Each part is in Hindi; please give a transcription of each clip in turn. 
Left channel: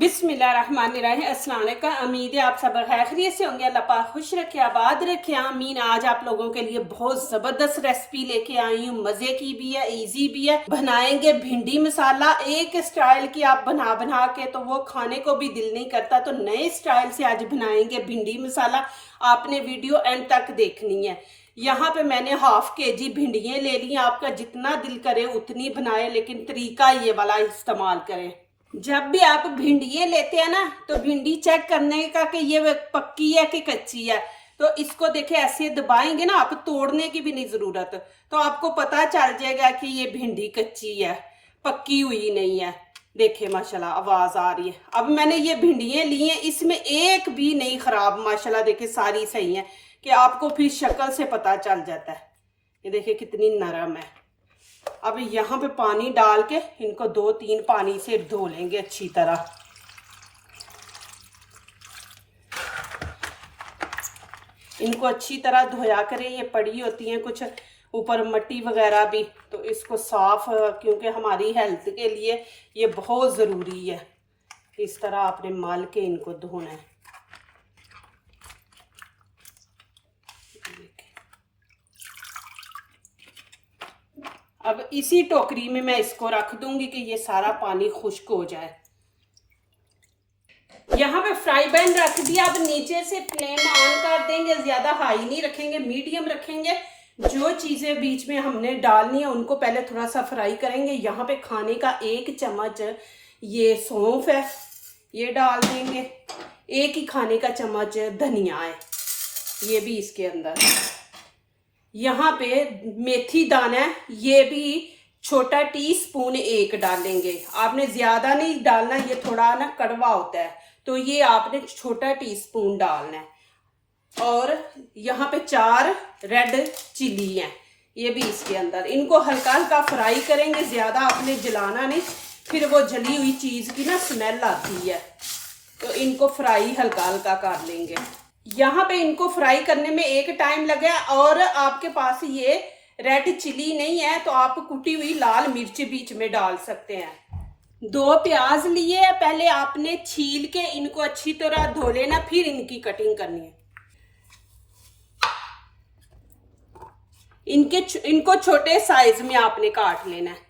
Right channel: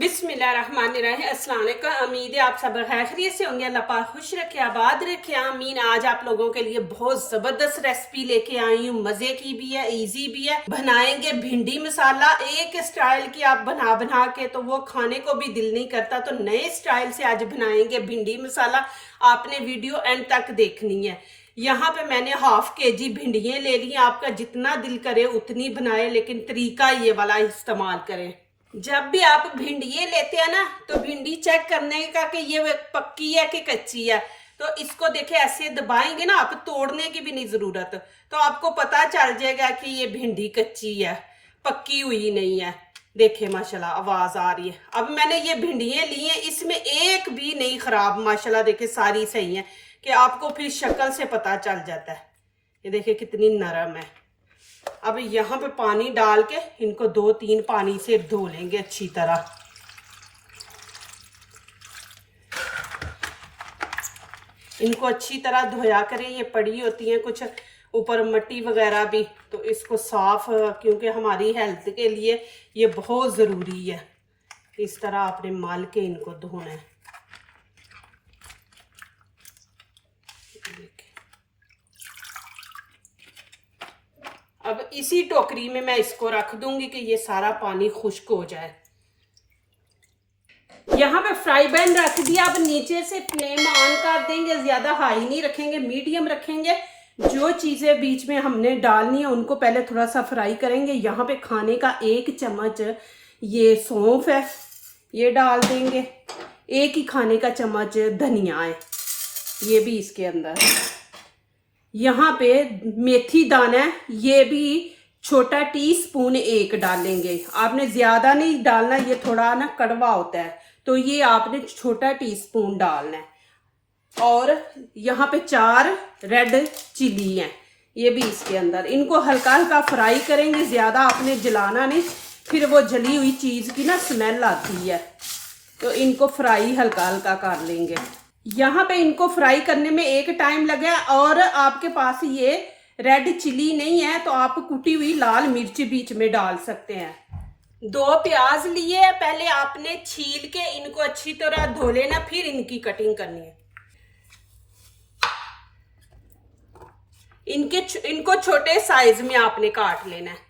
बिस्मिल्लाहिर्रहमानिर्रहीम। अस्सलाम वालेकुम। उम्मीद है आप सब खैरियत से होंगे। अल्लाह पाक खुश रखे, आबाद रखे। आमीन। आज आप लोगों के लिए बहुत ज़बरदस्त रेसिपी लेके आई हूँ। मज़े की भी है, इजी भी है। बनाएंगे भिंडी मसाला एक स्टाइल की, आप बना बना के तो वो खाने को भी दिल नहीं करता। तो नए स्टाइल से आज बनाएंगे भिंडी मसाला। आपने वीडियो एंड तक देखनी है। यहाँ पे मैंने हाफ केजी भिंडियाँ ले ली। आपका जितना दिल करे उतनी बनाए, लेकिन तरीका ये वाला इस्तेमाल करें। जब भी आप भिंडियाँ लेते हैं ना, तो भिंडी चेक करने का कि ये पक्की है कि कच्ची है। तो इसको देखे ऐसे दबाएंगे ना, आप तोड़ने की भी नहीं जरूरत, तो आपको पता चल जाएगा कि ये भिंडी कच्ची है, पक्की हुई नहीं है। देखे माशाल्लाह आवाज आ रही है। अब मैंने ये भिंडियाँ ली हैं, इसमें एक भी नहीं खराब, माशाल्लाह देखे सारी सही है, कि आपको फिर शक्ल से पता चल जाता है। ये देखे कितनी नरम है। अब यहाँ पे पानी डाल के इनको 2-3 पानी से धो लेंगे अच्छी तरह। इनको अच्छी तरह धोया करें, ये पड़ी होती हैं कुछ ऊपर मिट्टी वगैरह भी, तो इसको साफ, क्योंकि हमारी हेल्थ के लिए ये बहुत ज़रूरी है। इस तरह आपने मल के इनको धोना है। अब इसी टोकरी में मैं इसको रख दूंगी कि ये सारा पानी खुश्क हो जाए। यहाँ पे फ्राई पैन रख दिया। अब नीचे से फ्लेम ऑन कर देंगे, ज्यादा हाई नहीं रखेंगे, मीडियम रखेंगे। जो चीजें बीच में हमने डालनी है उनको पहले थोड़ा सा फ्राई करेंगे। यहाँ पे खाने का 1 चम्मच ये सौंफ है, ये डाल देंगे। 1 ही खाने का चम्मच धनिया है, ये भी इसके अंदर। यहाँ पे मेथी दाना है, ये भी छोटा टीस्पून 1 डालेंगे। आपने ज्यादा नहीं डालना, ये थोड़ा ना कड़वा होता है, तो ये आपने छोटा टीस्पून डालना है। और यहाँ पे 4 रेड चिली हैं, ये भी इसके अंदर। इनको हल्का हल्का फ्राई करेंगे, ज्यादा आपने जलाना नहीं, फिर वो जली हुई चीज की ना स्मेल आती है। तो इनको फ्राई हल्का हल्का कर लेंगे। यहाँ पे इनको फ्राई करने में एक टाइम लगे। और आपके पास ये रेड चिली नहीं है तो आप कुटी हुई लाल मिर्च बीच में डाल सकते हैं। 2 प्याज लिए, पहले आपने छील के इनको अच्छी तरह धो लेना, फिर इनकी कटिंग करनी है। इनको छोटे साइज में आपने काट लेना है।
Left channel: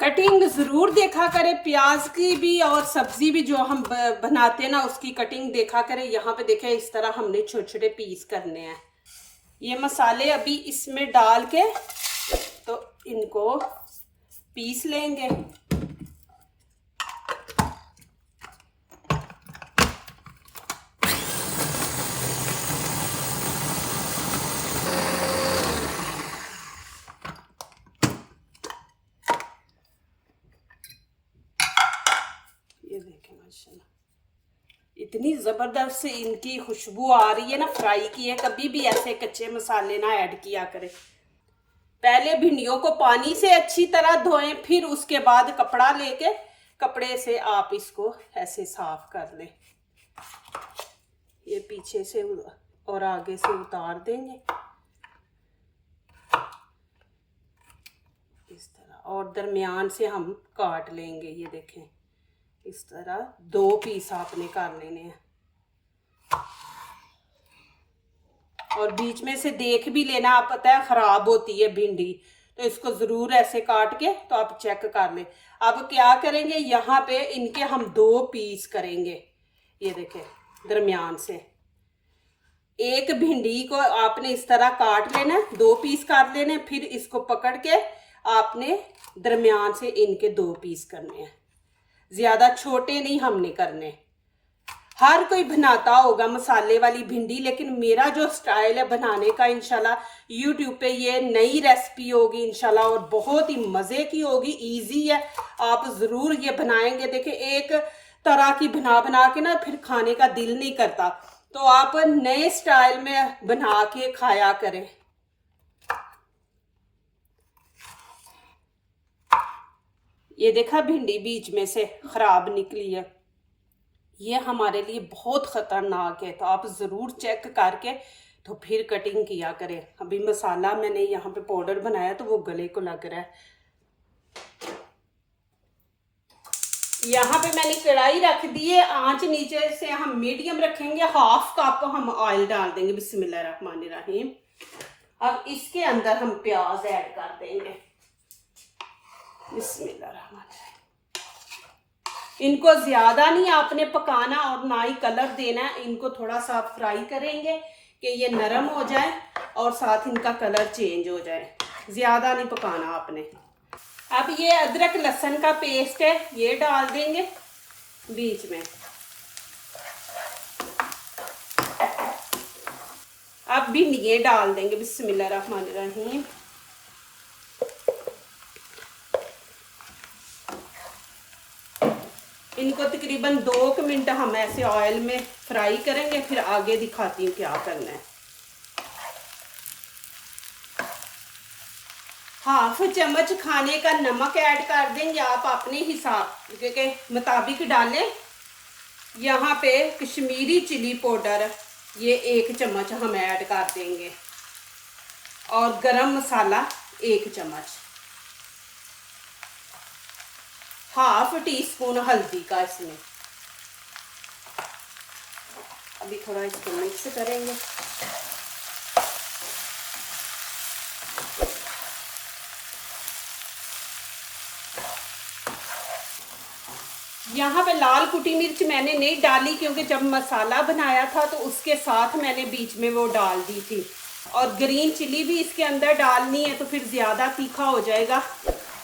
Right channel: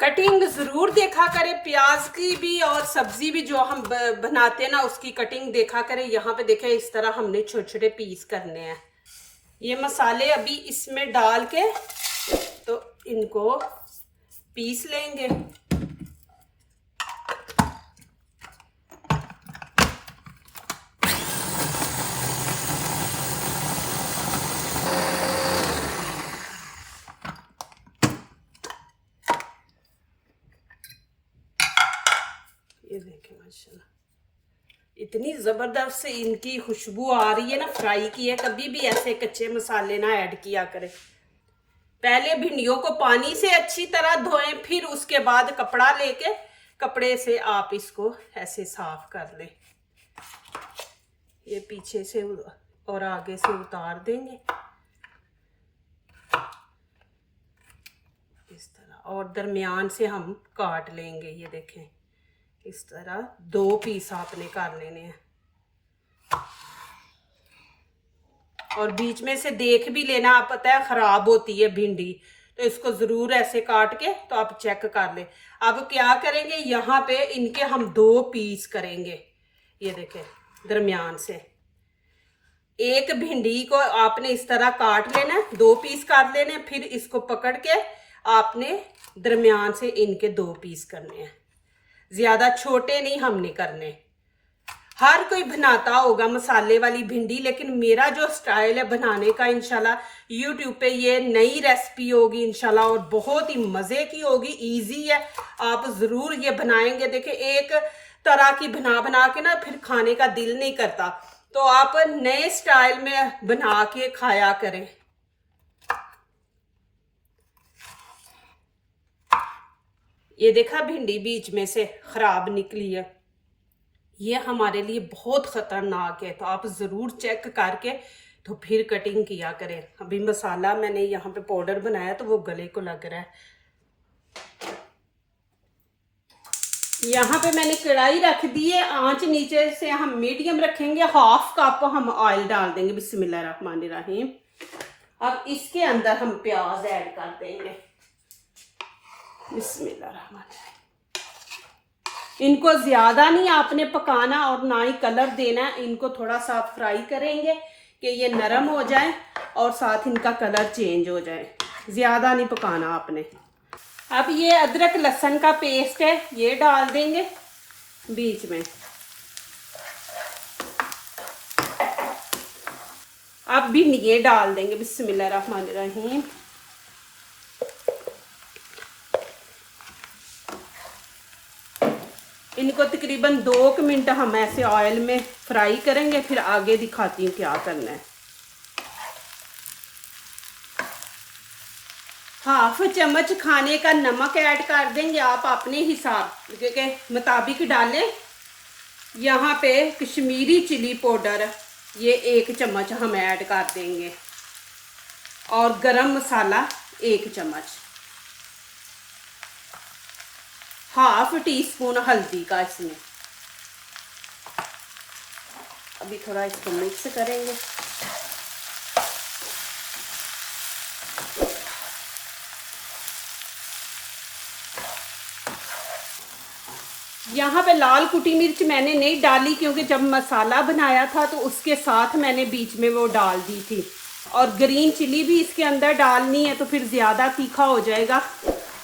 कटिंग जरूर देखा करें, प्याज की भी और सब्जी भी जो हम बनाते हैं ना, उसकी कटिंग देखा करें। यहाँ पे देखें, इस तरह हमने छोटे छोटे पीस करने हैं। ये मसाले अभी इसमें डाल के तो इनको पीस लेंगे। ये देखें माशाल्लाह इतनी जबरदस्त इनकी खुशबू आ रही है ना, फ्राई की है। कभी भी ऐसे कच्चे मसाले ना ऐड किया करें। पहले भिंडियों को पानी से अच्छी तरह धोएं, फिर उसके बाद कपड़ा लेके कपड़े से आप इसको ऐसे साफ कर लें। ये पीछे से और आगे से उतार देंगे इस तरह, और दरमियान से हम काट लेंगे। ये देखें, इस तरह 2 पीस आपने कर लेने हैं। और बीच में से देख भी लेना, आप पता है खराब होती है भिंडी, तो इसको जरूर ऐसे काट के तो आप चेक कर ले। अब क्या करेंगे, यहाँ पे इनके हम 2 पीस करेंगे। ये देखें, दरमियान से 1 भिंडी को आपने इस तरह काट लेना, 2 पीस काट लेने, फिर इसको पकड़ के आपने दरमियान से इनके 2 पीस करने हैं। ज्यादा छोटे नहीं हमने करने। हर कोई बनाता होगा मसाले वाली भिंडी, लेकिन मेरा जो स्टाइल है बनाने का, इंशाल्लाह यूट्यूब पे ये नई रेसिपी होगी इंशाल्लाह, और बहुत ही मज़े की होगी, इजी है। आप ज़रूर ये बनाएंगे। देखिए, एक तरह की बना बना के ना फिर खाने का दिल नहीं करता, तो आप नए स्टाइल में बना के खाया करें। ये देखा, भिंडी बीच में से खराब निकली है, ये हमारे लिए बहुत खतरनाक है। तो आप ज़रूर चेक करके तो फिर कटिंग किया करें। अभी मसाला मैंने यहाँ पे पाउडर बनाया तो वो गले को लग रहा है। यहाँ पे मैंने कढ़ाई रख दी है, आंच नीचे से हम मीडियम रखेंगे। 1/2 कप हम ऑयल डाल देंगे। बिस्मिल्लाहिर्रहमानिर्रहीम। अब इसके अंदर हम प्याज ऐड कर देंगे। बिस्मिल्लाहिर्रहमानिर्रहीम। इनको ज्यादा नहीं आपने पकाना और ना ही कलर देना है। इनको थोड़ा सा आप फ्राई करेंगे कि ये नरम हो जाए और साथ इनका कलर चेंज हो जाए। ज्यादा नहीं पकाना आपने। अब ये अदरक लहसुन का पेस्ट है, ये डाल देंगे बीच में। अब भी ये डाल देंगे। बिस्मिल्लाहिर्रहमानिर्रहीम। इनको तकरीबन 2 मिनट हम ऐसे ऑयल में फ्राई करेंगे, फिर आगे दिखाती हूँ क्या करना है। 1/2 चम्मच खाने का नमक ऐड कर देंगे। आप अपने हिसाब के मुताबिक डालें। यहाँ पे कश्मीरी चिली पाउडर ये 1 चम्मच हम ऐड कर देंगे और गरम मसाला 1 चम्मच। 1/2 टीस्पून हल्दी का इसमें। अभी थोड़ा इसको मिक्स करेंगे। यहाँ पे लाल कुटी मिर्च मैंने नहीं डाली क्योंकि जब मसाला बनाया था तो उसके साथ मैंने बीच में वो डाल दी थी। और ग्रीन चिली भी इसके अंदर डालनी है तो फिर ज़्यादा तीखा हो जाएगा।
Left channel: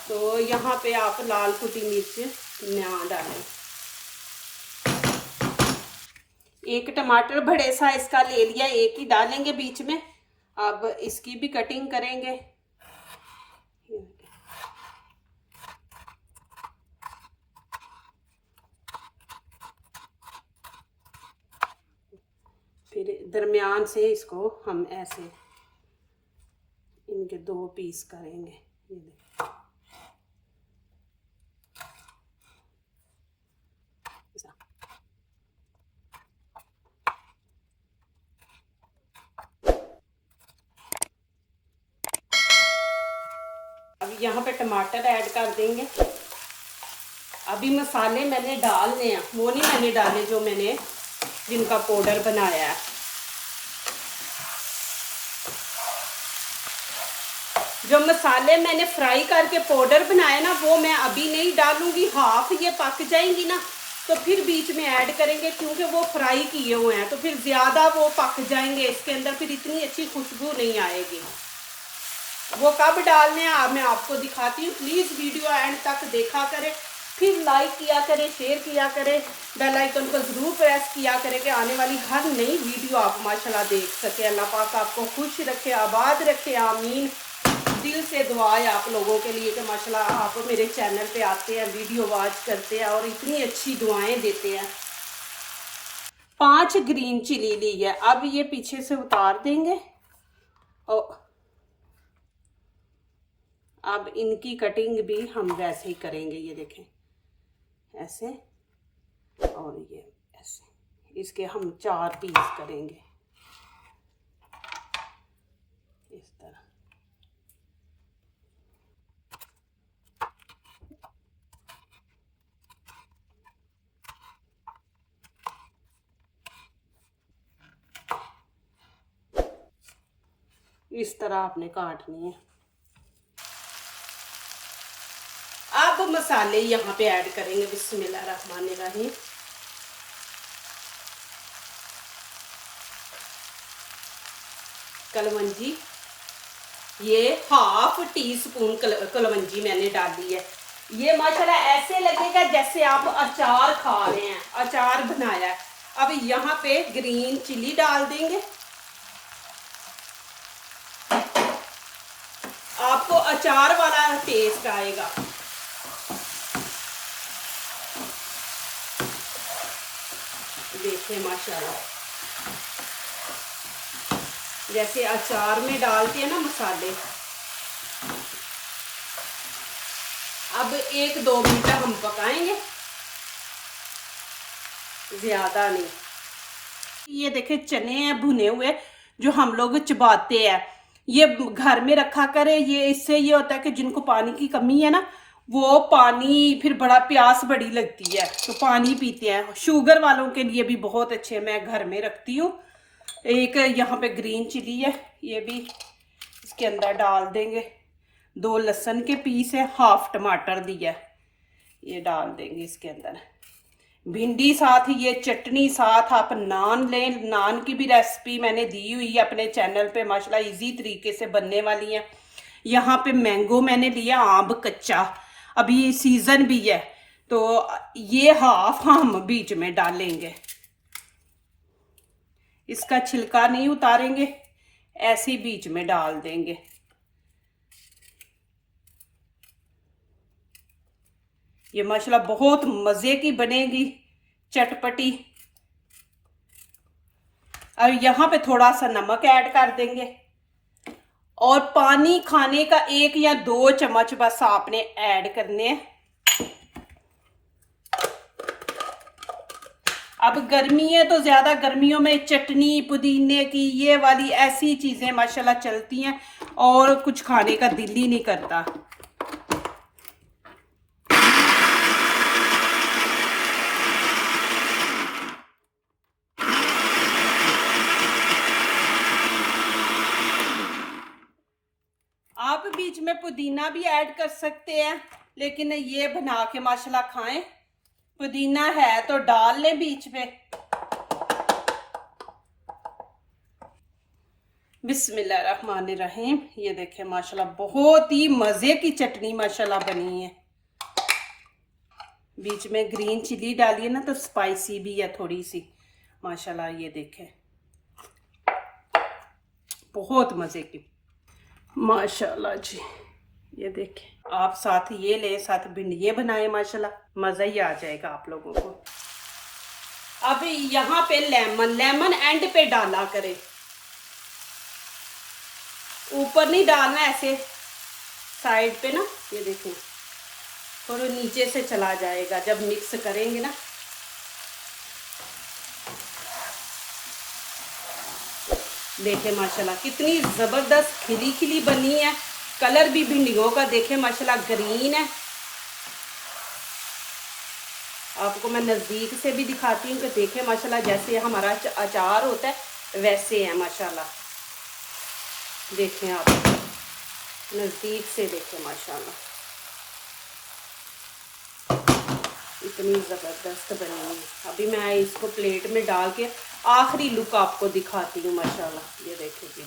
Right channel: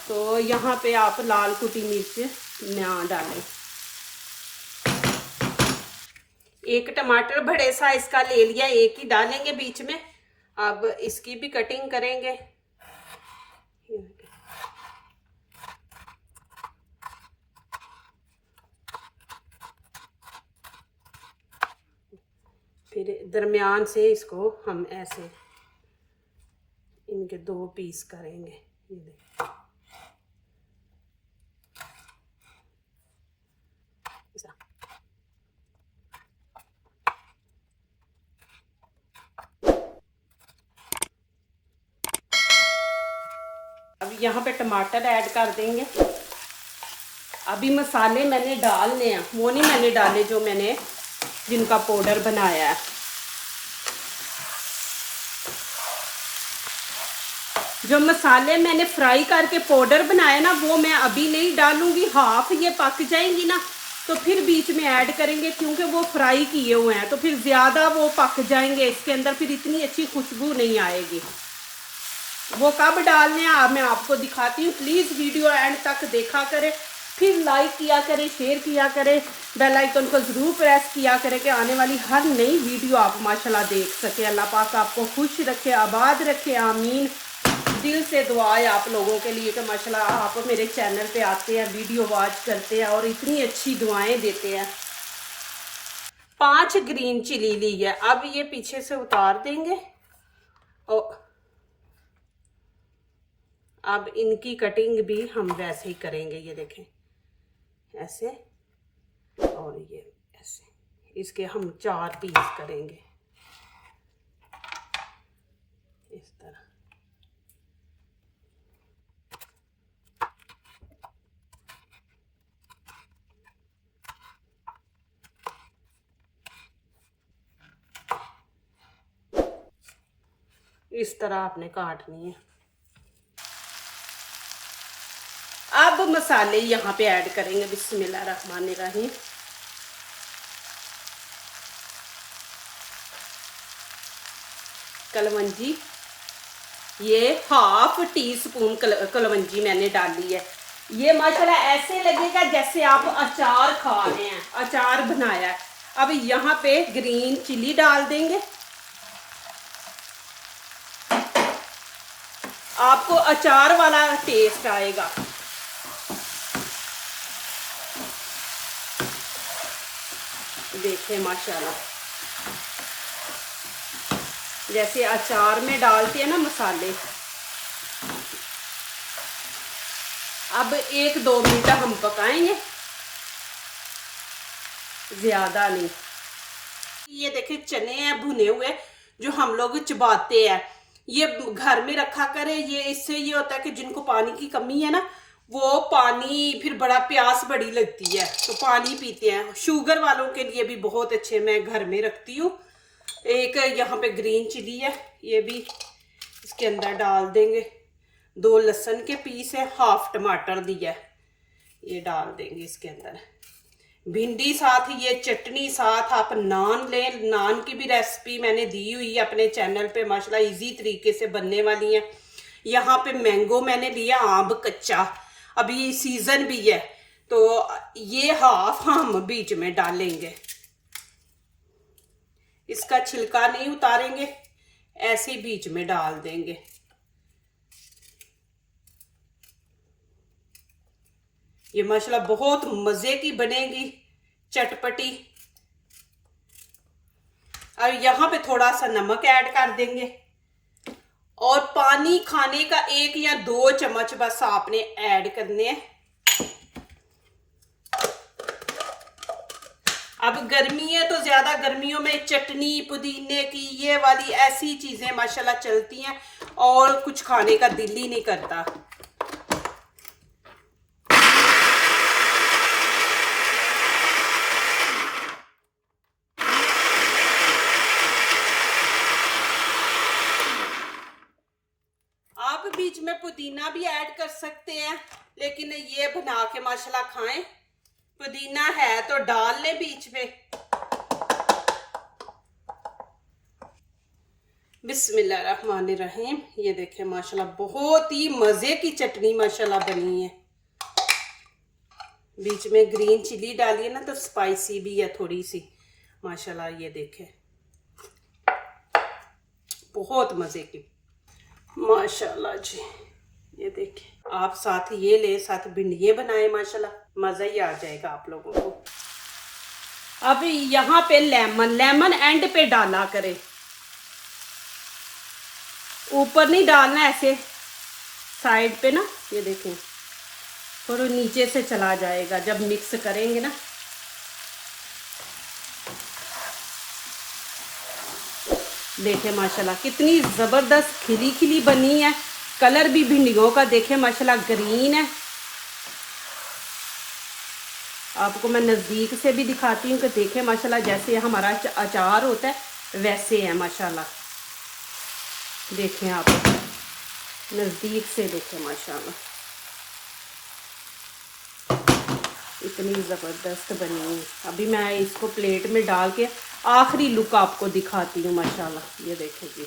तो यहाँ पे आप लाल कुटी मिर्च ना डालें। 1 टमाटर बड़े साइज का ले लिया, 1 ही डालेंगे बीच में। अब इसकी भी कटिंग करेंगे। फिर दरमियान से इसको हम ऐसे इनके 2 पीस करेंगे। ये देखिए अब यहाँ पे टमाटर ऐड कर देंगे। अभी मसाले मैंने डालने हैं, वो नहीं मैंने डाले जो मैंने जिनका पाउडर बनाया है। जो मसाले मैंने फ्राई करके पाउडर बनाया ना वो मैं अभी नहीं डालूंगी। 1/2 ये पक जाएंगी ना तो फिर बीच में ऐड करेंगे क्योंकि वो फ्राई किए हुए हैं तो फिर ज़्यादा वो पक जाएंगे इसके अंदर, फिर इतनी अच्छी खुशबू नहीं आएगी। वो कब डालने हैं मैं आपको दिखाती हूँ। प्लीज़ वीडियो एंड तक देखा करें, फिर लाइक किया करें, शेयर किया करें, बेल आइकन को ज़रूर प्रेस किया करें कि आने वाली हर नई वीडियो आप माशाल्लाह देख सके। अल्लाह पाक आपको खुश रखे, आबाद रखे, आमीन। दिल से दुआ है आप लोगों के लिए कि माशाल्लाह आप मेरे चैनल पे आते हैं, वीडियो वॉच करते हैं और इतनी अच्छी दुआएं देते हैं। 5 ग्रीन चिली ली है, अब ये पीछे से उतार देंगे और अब इनकी कटिंग भी हम वैसे ही करेंगे। ये देखें ऐसे और ये ऐसे, इसके हम 4 पीस करेंगे इस तरह। इस तरह आपने काटनी है। अब मसाले यहाँ पे ऐड करेंगे। बिस्मिल्लाहिर्रहमानिर्रहीम। कलवंजी ये 1/2 टीस्पून कलवंजी मैंने डाली है। ये माशाल्लाह ऐसे लगेगा जैसे आप अचार खा रहे हैं, अचार बनाया है। अब यहाँ पे ग्रीन चिली डाल देंगे। आपको अचार वाला टेस्ट आएगा। देखें माशाल्लाह जैसे अचार में डालते हैं ना मसाले। अब 1-2 मिनट हम पकाएंगे, ज्यादा नहीं। ये देखें चने हैं भुने हुए, जो हम लोग चबाते हैं, ये घर में रखा करें। ये इससे ये होता है कि जिनको पानी की कमी है ना, वो पानी फिर बड़ा प्यास बड़ी लगती है तो पानी पीते हैं। शुगर वालों के लिए भी बहुत अच्छे, मैं घर में रखती हूँ। एक यहाँ पे ग्रीन चिली है, ये भी इसके अंदर डाल देंगे। 2 लहसुन के पीस है, हाफ टमाटर दिया है, ये डाल देंगे इसके अंदर। भिंडी साथ, ये चटनी साथ। आप नान लें, नान की भी रेसिपी मैंने दी हुई है अपने चैनल पे, माशाल्लाह इजी तरीके से बनने वाली है। यहाँ पे मैंगो मैंने लिया, आम कच्चा, अभी सीजन भी है, तो ये हाफ हम बीच में डालेंगे। इसका छिलका नहीं उतारेंगे, ऐसे ही बीच में डाल देंगे। ये माशाल्लाह बहुत मजे की बनेगी, चटपटी। और यहाँ पे थोड़ा सा नमक ऐड कर देंगे और पानी खाने का 1 या 2 चम्मच बस आपने ऐड करने हैं। अब गर्मी है तो ज्यादा गर्मियों में चटनी पुदीने की ये वाली ऐसी चीजें माशाल्लाह चलती हैं और कुछ खाने का दिल ही नहीं करता। आप बीच में पुदीना भी ऐड कर सकते हैं, लेकिन ये बना के माशाल्लाह खाएं। पुदीना है तो डाल लें बीच में। बिस्मिल्लाहिर्रहमानिर्रहीम। ये देखें माशाल्लाह बहुत ही मजे की चटनी माशाल्लाह बनी है। बीच में ग्रीन चिली डाली ना तो स्पाइसी भी है थोड़ी सी माशाल्लाह। ये देखें बहुत मजे की माशाल्लाह जी। ये देखें आप साथ ये ले, साथ भिंडिये बनाए, माशाल्लाह मजा ही आ जाएगा आप लोगों को। अब यहाँ पे लेमन एंड पे डाला करें, ऊपर नहीं डालना, ऐसे साइड पे ना। ये देखें थोड़ा नीचे से चला जाएगा जब मिक्स करेंगे ना। देखें माशाल्लाह कितनी जबरदस्त खिली खिली बनी है। कलर भी भिंडियों का देखें माशाल्लाह ग्रीन है। आपको मैं नजदीक से भी दिखाती हूँ कि देखें माशाल्लाह जैसे हमारा अचार होता है वैसे है माशाल्लाह। देखें आप नजदीक से देखें माशाल्लाह इतनी जबरदस्त बनी है। अभी मैं इसको प्लेट में डाल के आखिरी लुक आपको दिखाती हूँ माशाल्लाह। ये देखो जी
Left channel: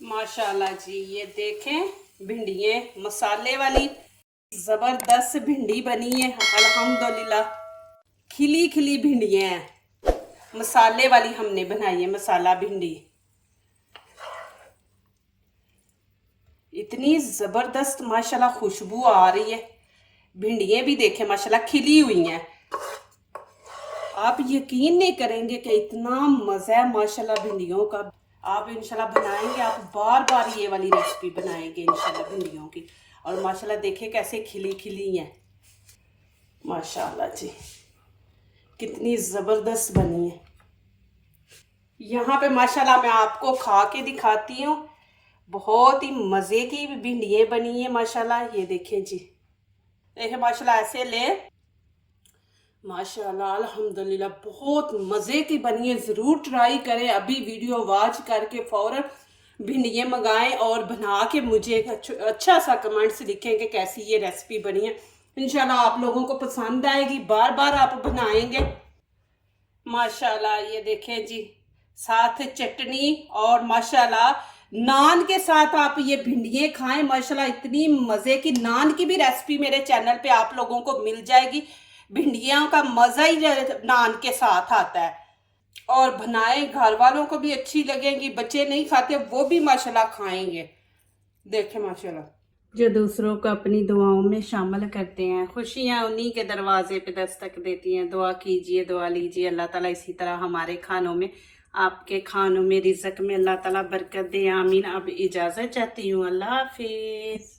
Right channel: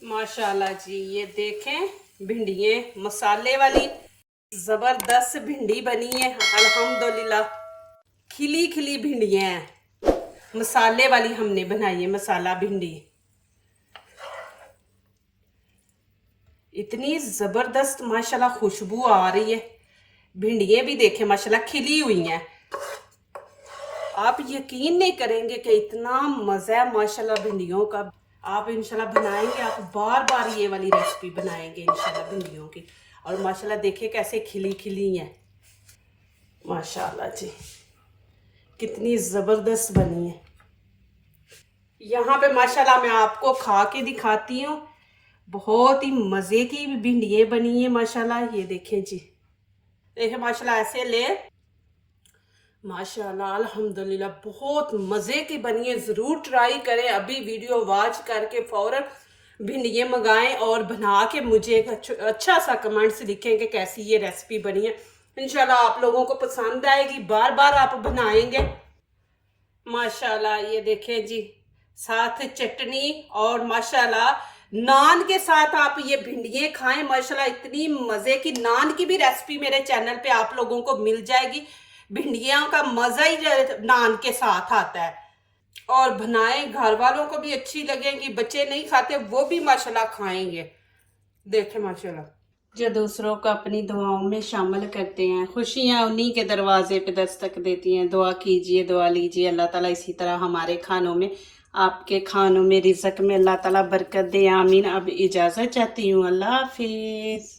माशाल्लाह जी। ये देखें भिंडिये मसाले वाली जबरदस्त भिंडी बनी है अल्हम्दुलिल्लाह। खिली खिली भिंडियाँ हैं, मसाले वाली हमने बनाई है, मसाला भिंडी। इतनी जबरदस्त माशाल्लाह खुशबू आ रही है। भिंडियाँ भी देखें माशाल्लाह खिली हुई हैं। आप यकीन नहीं करेंगे कि इतना मज़ा है माशाल्लाह भिंडियों का। आप इंशाल्लाह बनाएंगे, आप बार बार ये वाली रेसिपी बनाएंगे इंशाल्लाह भिंडियों की। और माशाल्लाह देखें कैसे खिली खिली हैं माशाल्लाह जी, कितनी ज़बरदस्त बनी है। यहाँ पे माशाल्लाह मैं आपको खा के दिखाती हूँ। बहुत ही मज़े की भिंडियाँ बनी है माशाल्लाह। ये देखें जी, देखें माशाल्लाह ऐसे ले माशाल्लाह अल्हम्दुलिल्लाह बहुत मज़े की बनी है। ज़रूर ट्राई करें। अभी वीडियो वॉच करके फ़ौरन भिंडियाँ मंगाएं और बना के मुझे एक अच्छा सा कमेंट्स लिखें कि कैसी ये रेसिपी बनी है। इंशाल्लाह आप लोगों को पसंद आएगी, बार बार आप बनाएंगे माशाल्लाह। ये देखें जी साथ चटनी और माशाल्लाह नान के साथ आप ये भिंडिये खाएं माशाल्लाह। इतनी मज़े की नान की भी रेसिपी मेरे चैनल पे आप लोगों को मिल जाएगी। भिंडियों का मज़ा ही नान के साथ आता है। और बनाए घर वालों को भी अच्छी लगेंगी, बच्चे नहीं खाते वो भी माशाल्लाह खाएंगे। देखें माशाल्लाह जो दूसरों को अपनी दुआओं में शामिल करते हैं, खुशियाँ उन्हीं के दरवाजे पे दस्तक देती हैं। दुआ कीजिए, दुआ लीजिए, अल्लाह ताला इसी तरह हमारे खानों में, आपके खानों में, रिज़्क़ में अल्लाह ताला बरकत दे, आमीन। अब इजाज़त चाहती हूँ, अल्लाह हाफिज़।